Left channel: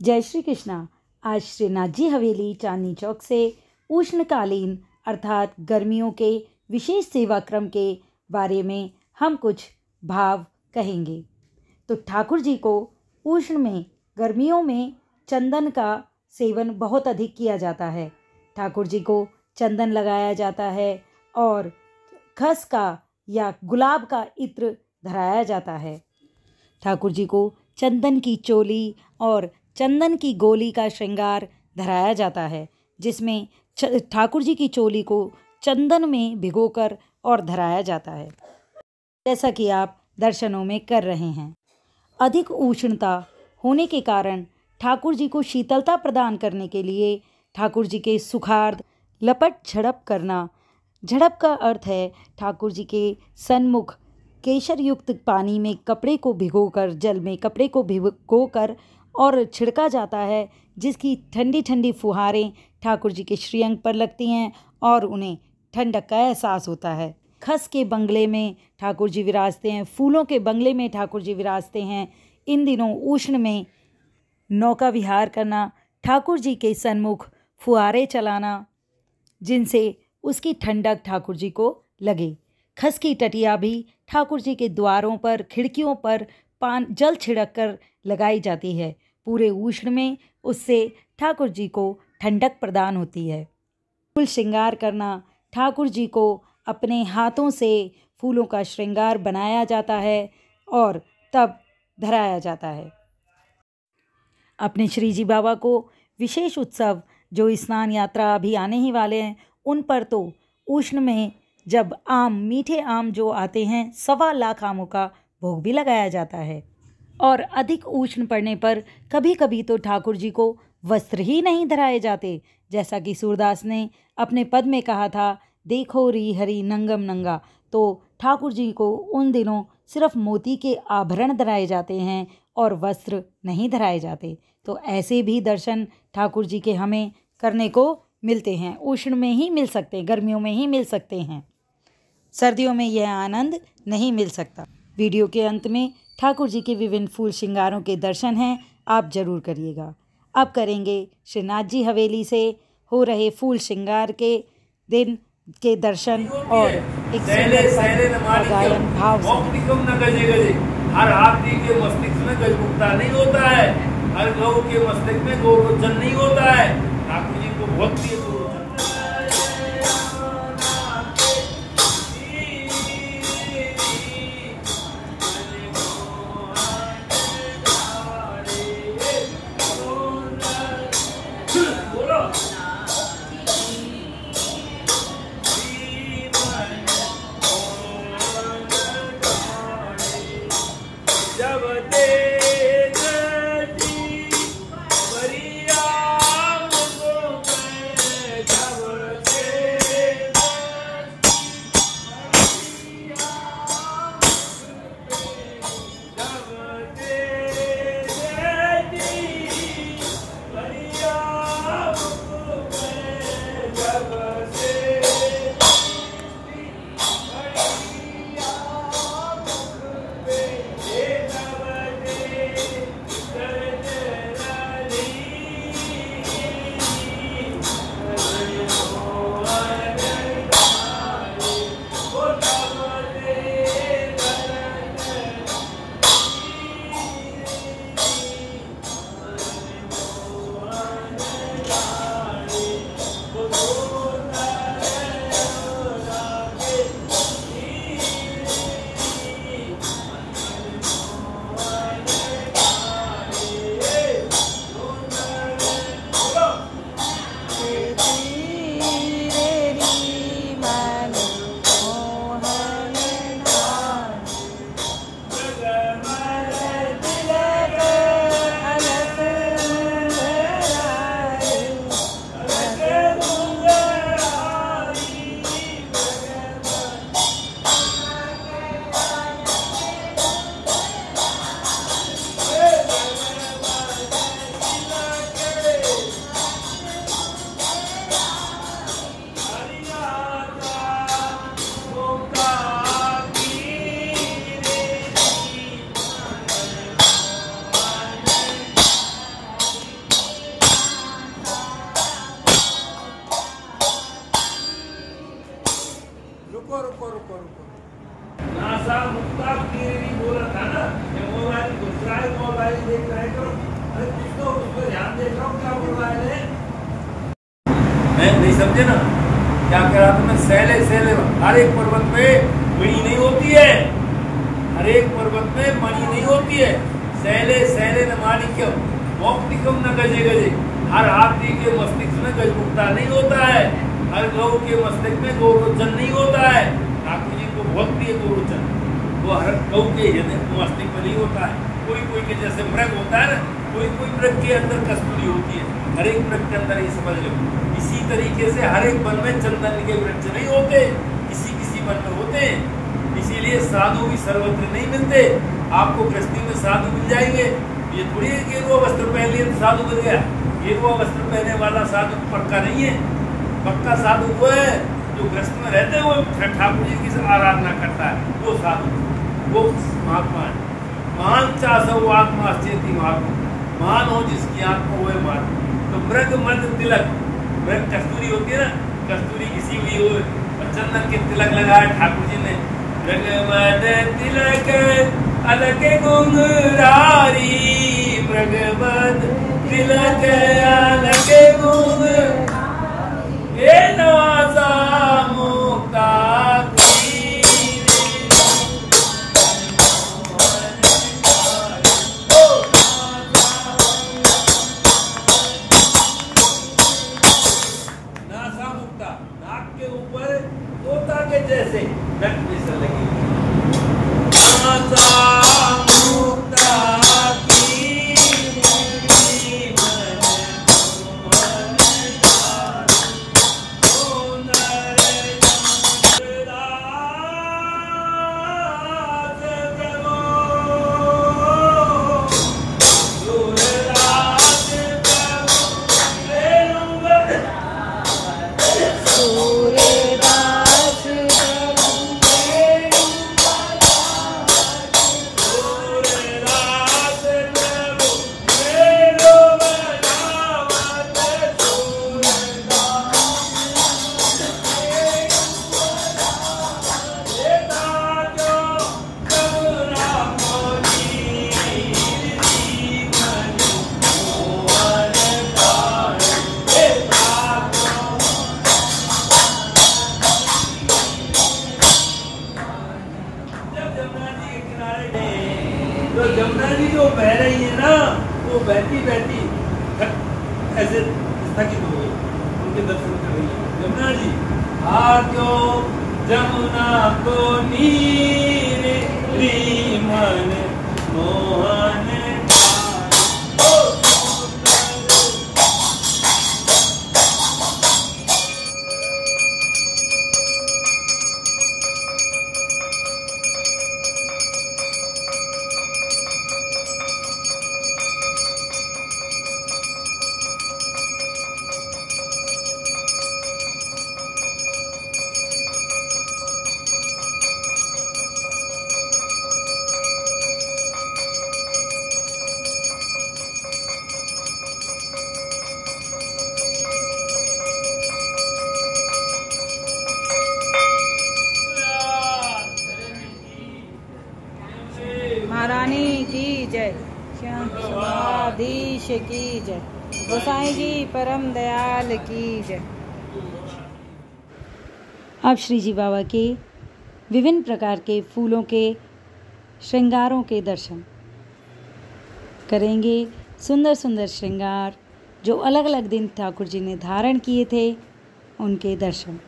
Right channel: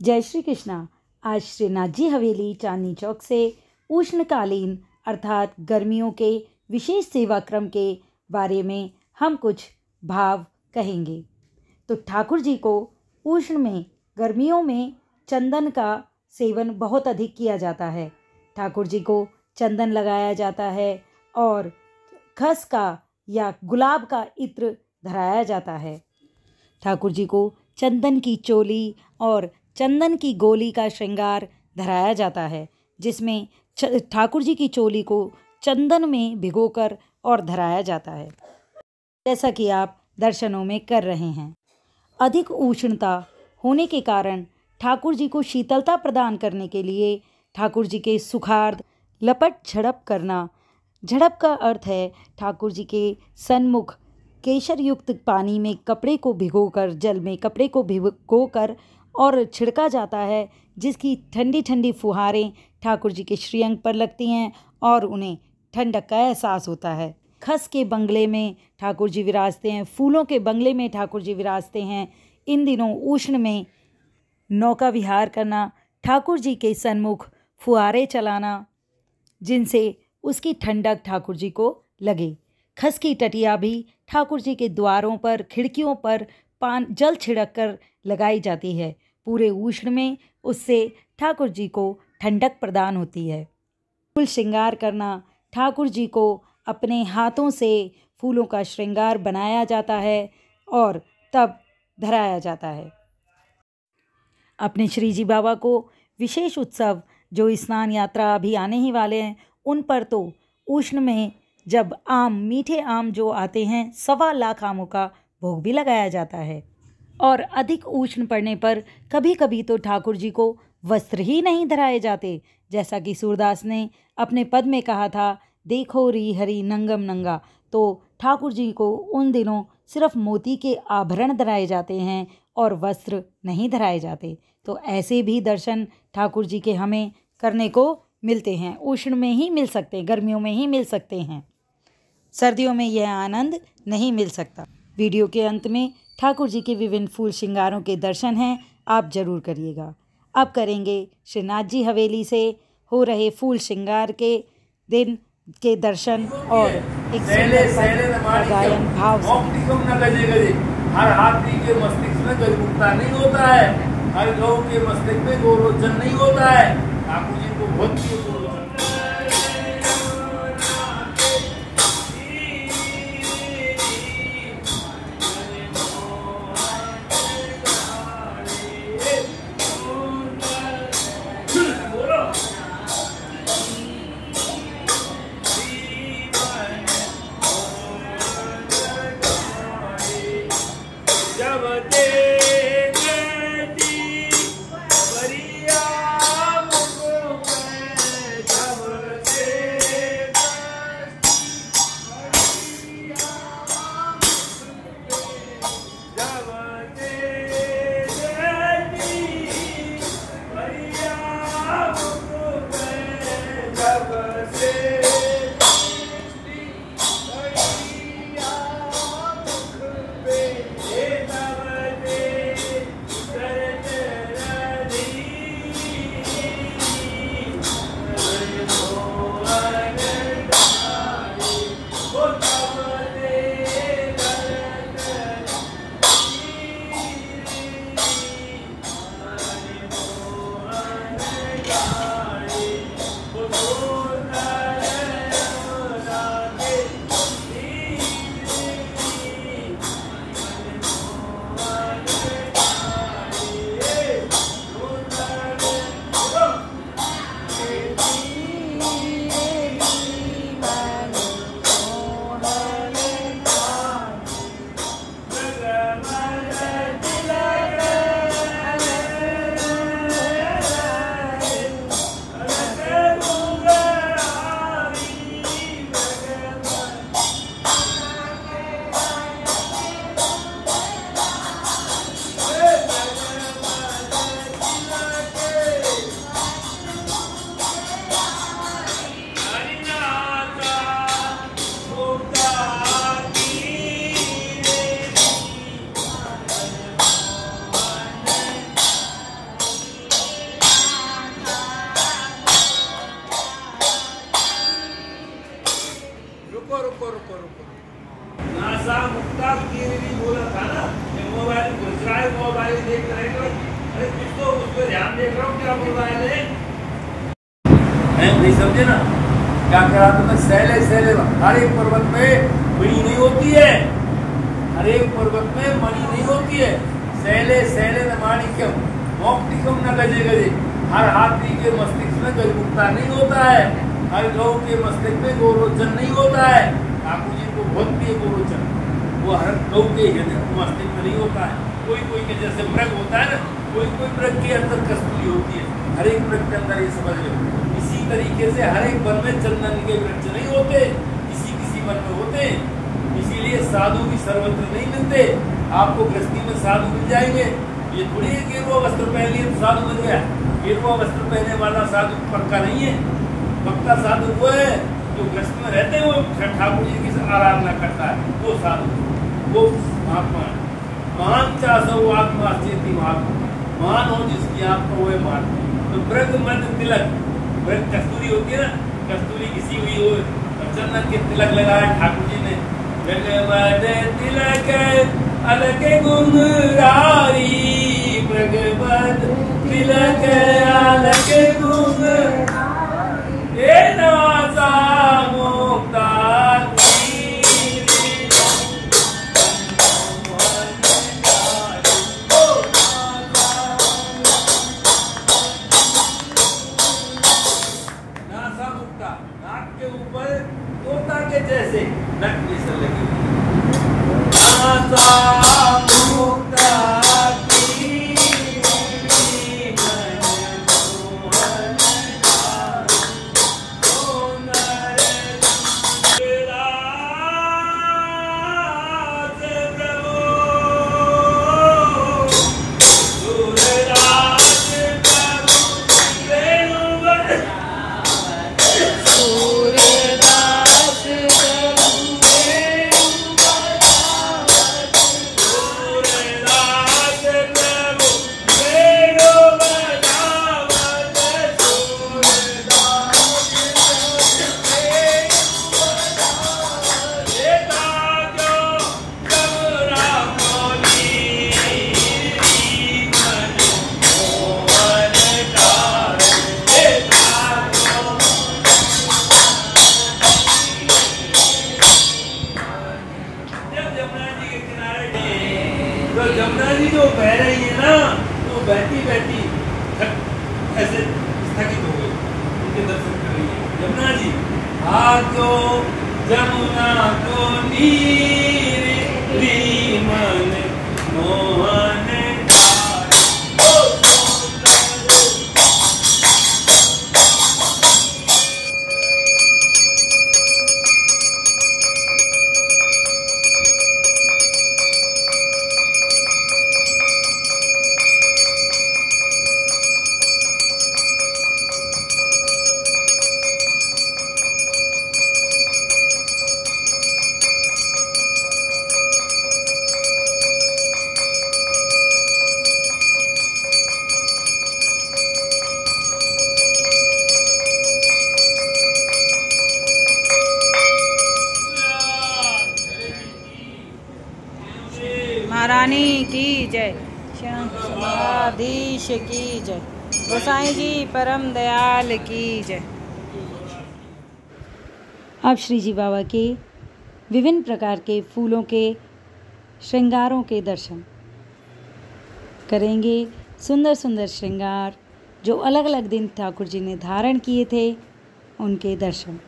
जय श्री कृष्णा। आज श्रीनाथ जी हवेली चांदनी चौक से उष्णकालीन अर्थात गर्मियों के विशेष सेवा क्रम के बारे में हम कुछ भाव कहेंगे। तो ठाकुर जी को उष्ण में गर्मियों में चंदन का सेवन बहुत अधिक किया जाता है। ठाकुर जी को चंदन लगाया जाता है और खस का या गुलाब का इत्र धराया जाता है। ठाकुर जी को चंदन की चोली और चंदन की गोली का श्रृंगार धराया जाता है, जिसमें ठाकुर जी की चोली को चंदन में भिगोकर और धराया जाता है, जैसा कि आप दर्शनों में कर रहे हैं। अधिक उष्णता होने के कारण ठाकुर जी को शीतलता प्रदान करने के लिए ठाकुर जी के सुखार्द लपट झड़प करना। झड़प का अर्थ है ठाकुर जी के सन्मुख केशर युक्त पानी में कपड़े को भिगोकर, जल में कपड़े को भिगोकर और छिड़का जाता है, जिसकी ठंडी ठंडी फुहारें ठाकुर जी के श्रीअंग पर लगती हैं और उन्हें ठंडक का एहसास होता है। खस के बंगले में ठाकुर जी विराजते हैं, फूलों के बंगले में ठाकुर जी विराजते हैं। इन दिनों उष्ण में नौका विहार करना, ठाकुर जी के सन्मुख फुहारे चलाना, जिनसे उसकी ठंडक ठाकुर जी को लगे। खस की टटिया भी ठाकुर जी के द्वारों पर, खिड़कियों पर जल छिड़क कर लगाई जाती है। पूरे उष्ण में उससे ठाकुर जी को ठंडक प्रदान होती है। फूल श्रृंगार करना, ठाकुर जी को अपने हाथों से फूलों का श्रृंगार बनाया जाता है और तब धराया जाता है। अपने श्री जी बाबा को विशेष उत्सव जो स्नान यात्रा अभी आने ही वाले हैं, उन पर तो उष्ण में जब आम, मीठे आम जो आते हैं, 1.25 लाख आमों का भोग भी लगाया जाता है। और अधिक उष्ण पड़ने पर कभी कभी तो ठाकुर जी को वस्त्र ही नहीं धराए जाते, जैसा कि सूरदास ने अपने पद में कहा था, देखो री हरि नंगम नंगा। तो ठाकुर जी को उन दिनों सिर्फ मोती के आभरण धराए जाते हैं और वस्त्र नहीं धराए जाते। तो ऐसे भी दर्शन ठाकुर जी के हमें करने को मिलते हैं। उष्ण में ही मिल सकते हैं, गर्मियों में ही मिल सकते हैं, सर्दियों में यह आनंद नहीं मिल सकता। वीडियो के अंत में ठाकुर जी के विभिन्न फूल श्रृंगारों के दर्शन हैं, आप जरूर करिएगा। अब करेंगे श्रीनाथ जी हवेली से हो रहे फूल श्रृंगार के दिन के दर्शन और एक सुंदर पद का गायन भाव से। हर हाथी के मस्तिष्क में गरिमुक्ता नहीं होता है, हर गौ के मस्तिष्क में गौरोचन नहीं होता है। ठाकुर जी को बहुत प्रिय देख रहा हूँ, अरे कुछ तो उस पर ध्यान देख रहा हूँ क्या बोल रहा है। नहीं समझे ना क्या कह रहा था मैं? सैले सैले हर एक पर्वत में मणि नहीं होती है, हर एक पर्वत में मणि नहीं होती है। सैले सैले न माणिक्यम मौक्तिकम न गजे गजे। हर हाथी के मस्तिष्क में गजमुक्ता नहीं होता है, हर गौ के मस्तिष्क में गोरोचन नहीं होता है। ठाकुर जी को बहुत प्रिय गोरोचन, वो हर गौ के हृदय मस्तिष्क में नहीं होता है। कोई कोई के जैसे मृग होता है ना, कोई कोई मृग के अंदर कस्तूरी होती है, हर एक मृग के अंदर, ये समझ लो। इसी तरीके से हर एक वन में चंदन के वृक्ष नहीं होते, किसी किसी वन में होते हैं। इसीलिए साधु भी सर्वत्र नहीं मिलते। आपको गृहस्थी में साधु मिल जाएंगे, ये थोड़ी गेरुआ वस्त्र पहन लिए तो साधु मिल गया। गेरुआ वस्त्र पहनने वाला साधु पक्का नहीं है। पक्का साधु वो है जो गृहस्थ में रहते हैं, वो ठाकुर जी की आराधना करता है, वो साधु, वो महात्मा है। महान चासो आत्मा चेती महात्मा, महान हो जिसकी आत्मा वो है महात्मा। तो मृग मध्य तिलक, मृग कस्तूरी होती है ना, कस्तूरी किसी हुई हो, चंदन के तिलक लगाए ठाकुर जी ने। मृग मध्य तिलक अलग गुंगरारी, मृग मध्य तिलक अलग गुंगरारी, ये नासा मुक्ता नाक के ऊपर तोता के जैसे नक जैसे लगी तो जमुना जी जो बह रही है ना, वो बहती बहती ऐसे स्थगित हो गई, उनके दर्शन कर रही है जमुना जी। आजो जमुना को नीर मन मोहन महारानी की जय, श्यामाधीश की जय, गोसाई जी परम दयाल की जय। अब श्री जी बाबा के विभिन्न प्रकार के फूलों के श्रृंगारों के दर्शन करेंगे। सुंदर सुंदर श्रृंगार जो अलग अलग दिन ठाकुर जी ने धारण किए थे, उनके दर्शन।